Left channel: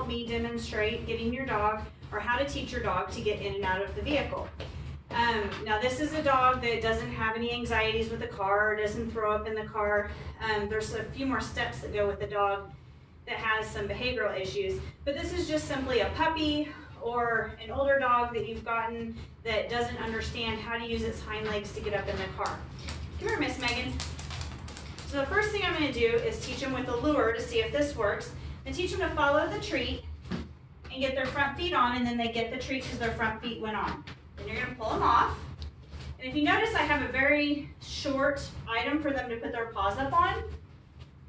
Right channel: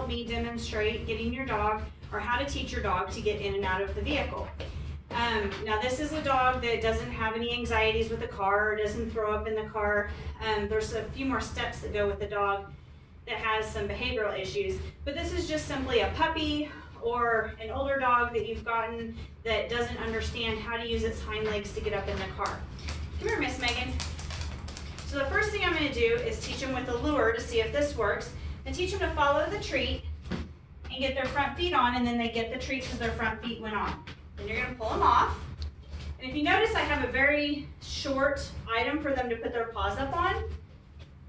help me demonstrate getting your dog, or how to teach your dog to get in and out of the vehicle. Now this is a dog that doesn't have any anxieties with the car, doesn't throw up in the car. There's a few more steps that go with the dog that has some behavioral issues, but this is just simply a puppy or an older dog that you've gotten that doesn't understand how to use its hind legs to get up in the car. Come here, Miss Megan. So the first thing I'm going to do is teach them with a lure to see if this works, and teach them to follow the treat and get their front feet on, and then they get the treat because their front feet went on. Then you're going to pull them off. And if you notice, I have a very short item for them to put their paws up on.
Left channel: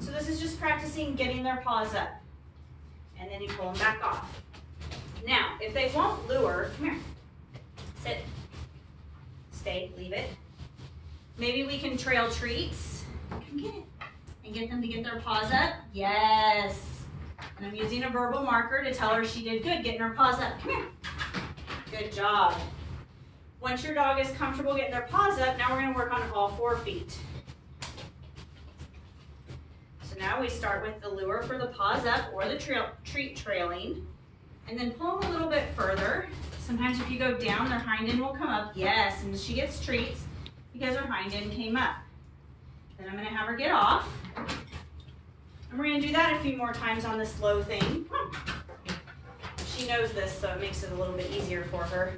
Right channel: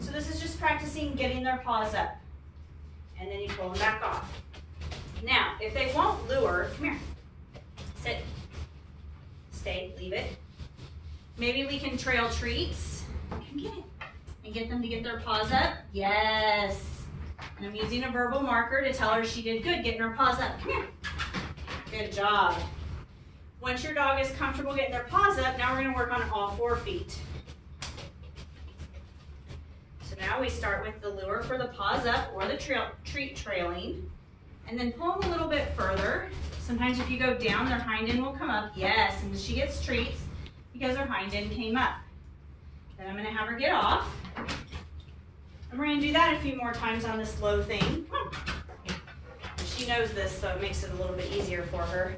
So this is just practicing getting their paws up. And then you pull them back off. Now, if they won't lure, come here. Sit. Stay, leave it. Maybe we can trail treats. Come get it. And get them to get their paws up. Yes. And I'm using a verbal marker to tell her she did good getting her paws up. Come here. Good job. Once your dog is comfortable getting their paws up, now we're going to work on all 4 feet. So now we start with the lure for the paws up or the treat trailing, and then pull them a little bit further. Sometimes if you go down, their hind end will come up. Yes, and she gets treats because her hind end came up. Then I'm going to have her get off. And we're going to do that a few more times on this low thing. Come on. She knows this, so it makes it a little bit easier for her.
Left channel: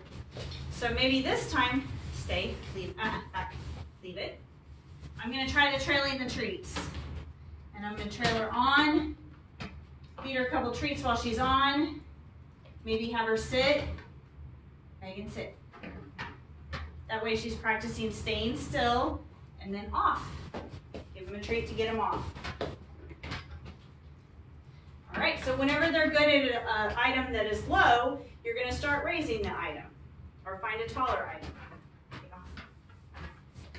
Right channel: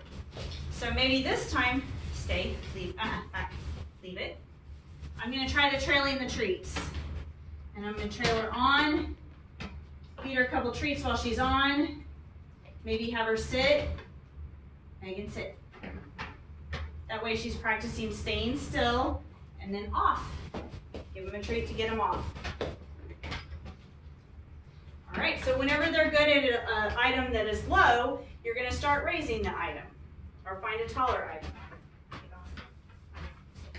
So maybe this time, stay, leave, back, leave it. I'm going to try the trailing the treats. And I'm going to trail her on, feed her a couple treats while she's on, maybe have her sit. Megan, sit. That way she's practicing staying still, and then off. Give them a treat to get them off. All right, so whenever they're good at an item that is low, you're going to start raising the item, or find a taller item.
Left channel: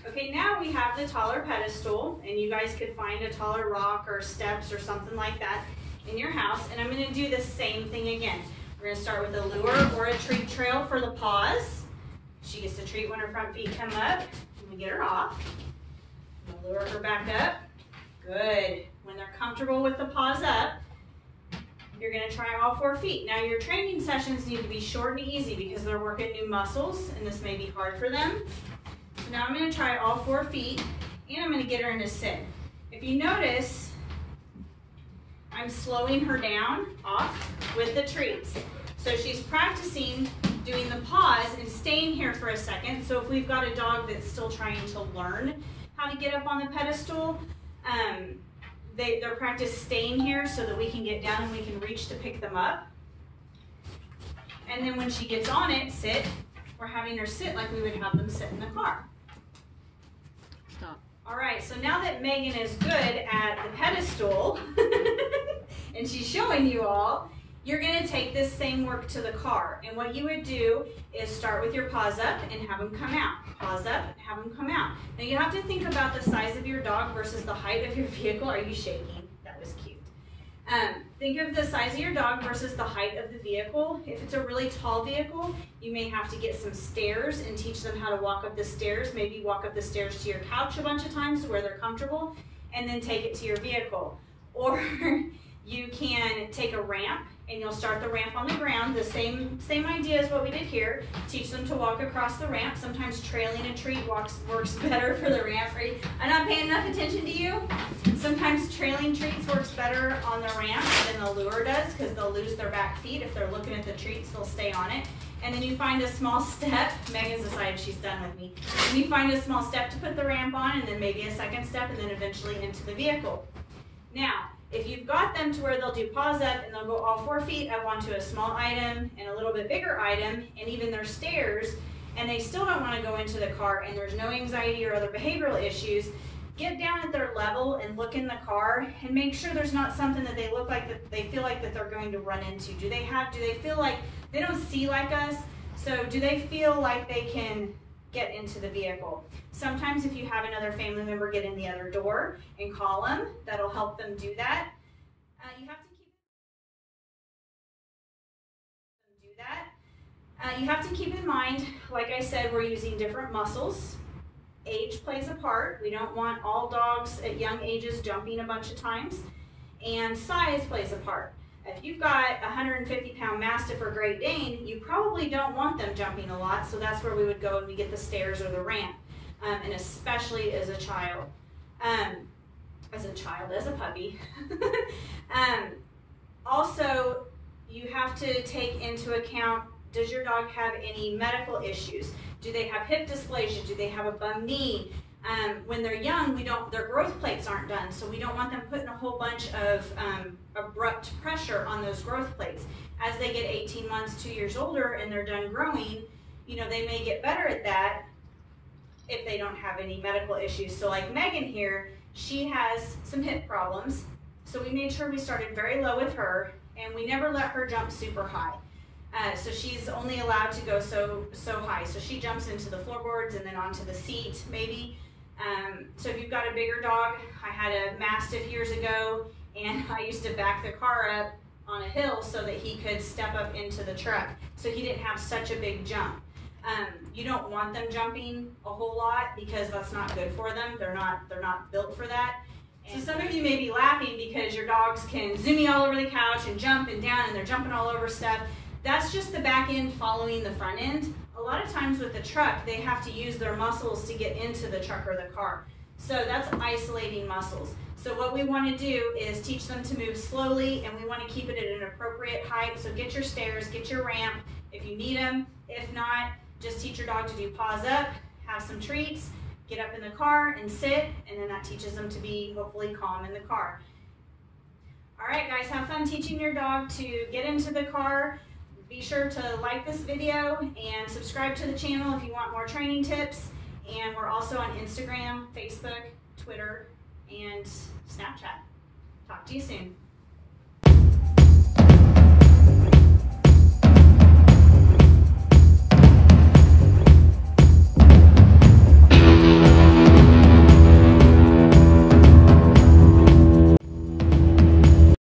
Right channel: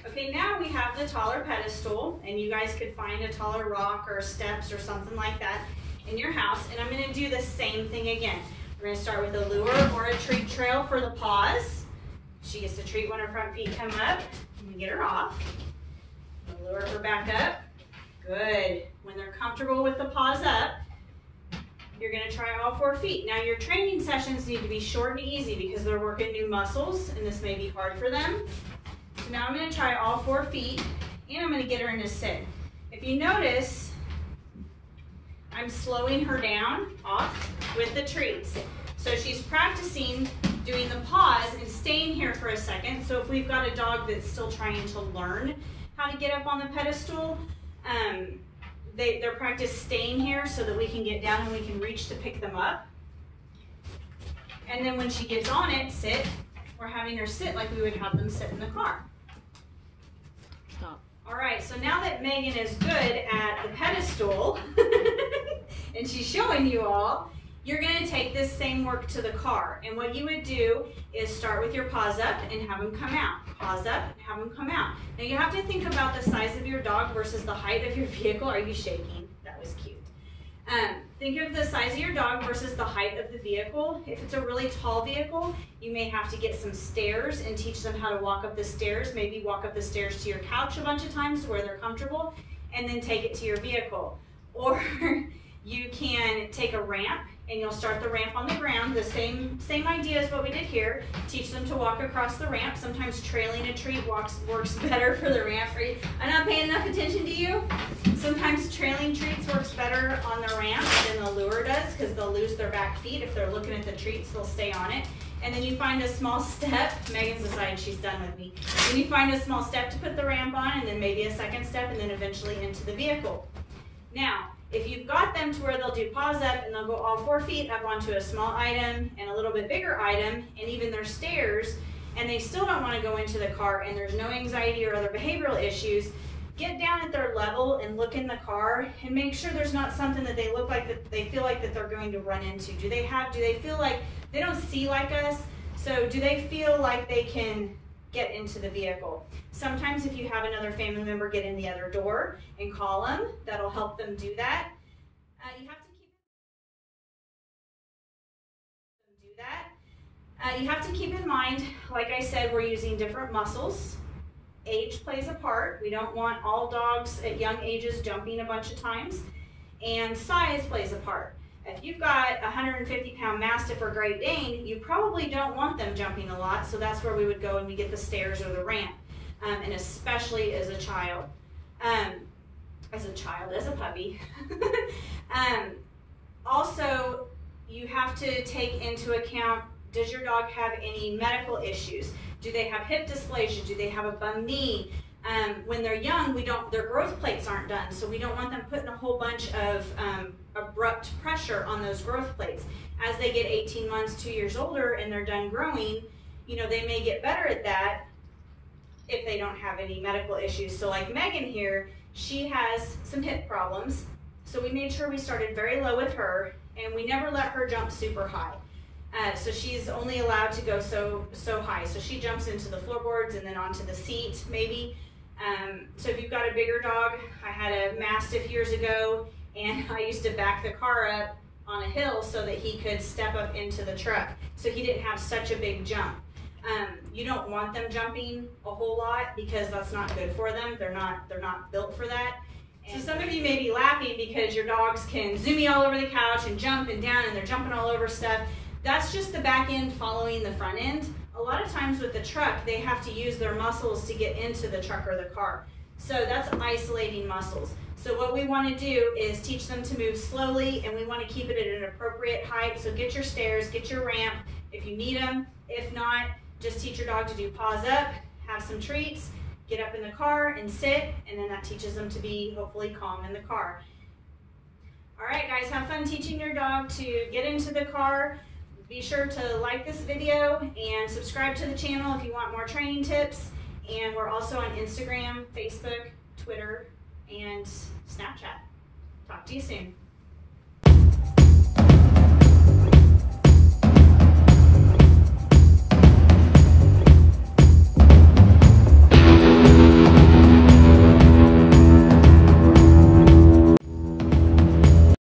Okay, now we have the taller pedestal, and you guys could find a taller rock or steps or something like that in your house, and I'm going to do the same thing again. We're going to start with a lure or a treat trail for the paws. She gets the treat when her front feet come up. I'm going to get her off. I'll lure her back up. Good. When they're comfortable with the paws up, you're going to try all 4 feet. Now your training sessions need to be short and easy because they're working new muscles, and this may be hard for them. So now I'm going to try all 4 feet, and I'm going to get her into sit. If you notice, I'm slowing her down off with the treats. So she's practicing doing the pause and staying here for a second. So if we've got a dog that's still trying to learn how to get up on the pedestal, they're practice staying here so that we can get down and we can reach to pick them up. And then when she gets on it, sit. We're having her sit like we would have them sit in the car. Stop. All right, so now that Megan is good at the pedestal and she's showing you all, you're going to take this same work to the car. And what you would do is start with your paws up and have them come out. Paws up and have them come out. Now you have to think about the size of your dog versus the height of your vehicle. Are you shaking? That was cute. Think of the size of your dog versus the height of the vehicle. If it's a really tall vehicle, you may have to get some stairs and teach them how to walk up the stairs. Maybe walk up the stairs to your couch a bunch of times to where they're comfortable, and then take it to your vehicle. Or you can take a ramp, and you'll start the ramp on the ground. The same idea as what we did here. Teach them to walk across the ramp. Sometimes trailing a treat works better for the ramp. I'm not paying enough attention to you. Sometimes trailing treats works better on the ramp than the lure does because they'll lose their back feet. If they're looking at the treats, they'll stay on it. And then you find a small step. Megan's decided she's done with me. And you find a small step to put the ramp on, and then maybe a second step, and then eventually into the vehicle. Now, if you've got them to where they'll do paws up and they'll go all 4 feet up onto a small item and a little bit bigger item, and even their stairs, and they still don't want to go into the car and there's no anxiety or other behavioral issues, get down at their level and look in the car and make sure there's not something that they look like that they feel like that they're going to run into. Do they feel like they don't see like us? So do they feel like they can get into the vehicle? Sometimes if you have another family member get in the other door and call them, that'll help them do that. You have to keep in mind, like I said, we're using different muscles. Age plays a part. We don't want all dogs at young ages jumping a bunch of times. And size plays a part. If you've got a 150-pound Mastiff or Great Dane, you probably don't want them jumping a lot, so that's where we would go and we get the stairs or the ramp, and especially as a child. As a puppy. Also, you have to take into account, does your dog have any medical issues? Do they have hip dysplasia? Do they have a bum knee? When they're young, their growth plates aren't done, so we don't want them putting a whole bunch of abrupt pressure on those growth plates. As they get 18 months, 2 years older, and they're done growing, you know, they may get better at that if they don't have any medical issues. So like Megan here, she has some hip problems, so we made sure we started very low with her, and we never let her jump super high. So she's only allowed to go so high. So she jumps into the floorboards and then onto the seat, maybe. So if you've got a bigger dog, I had a Mastiff years ago, and I used to back the car up on a hill so that he could step up into the truck, so he didn't have such a big jump. You don't want them jumping a whole lot because that's not good for them. They're not built for that. And so some of you may be laughing because your dogs can zoomy all over the couch and jump and down, and they're jumping all over stuff. That's just the back end following the front end. A lot of times with the truck, they have to use their muscles to get into the truck or the car. So that's isolating muscles. So what we want to do is teach them to move slowly, and we want to keep it at an appropriate height. So get your stairs, get your ramp if you need them. If not, just teach your dog to do paws up, have some treats, get up in the car and sit, and then that teaches them to be hopefully calm in the car. All right, guys, have fun teaching your dog to get into the car. Be sure to like this video and subscribe to the channel if you want more training tips. And we're also on Instagram, Facebook, Twitter, and Snapchat. Talk to you soon.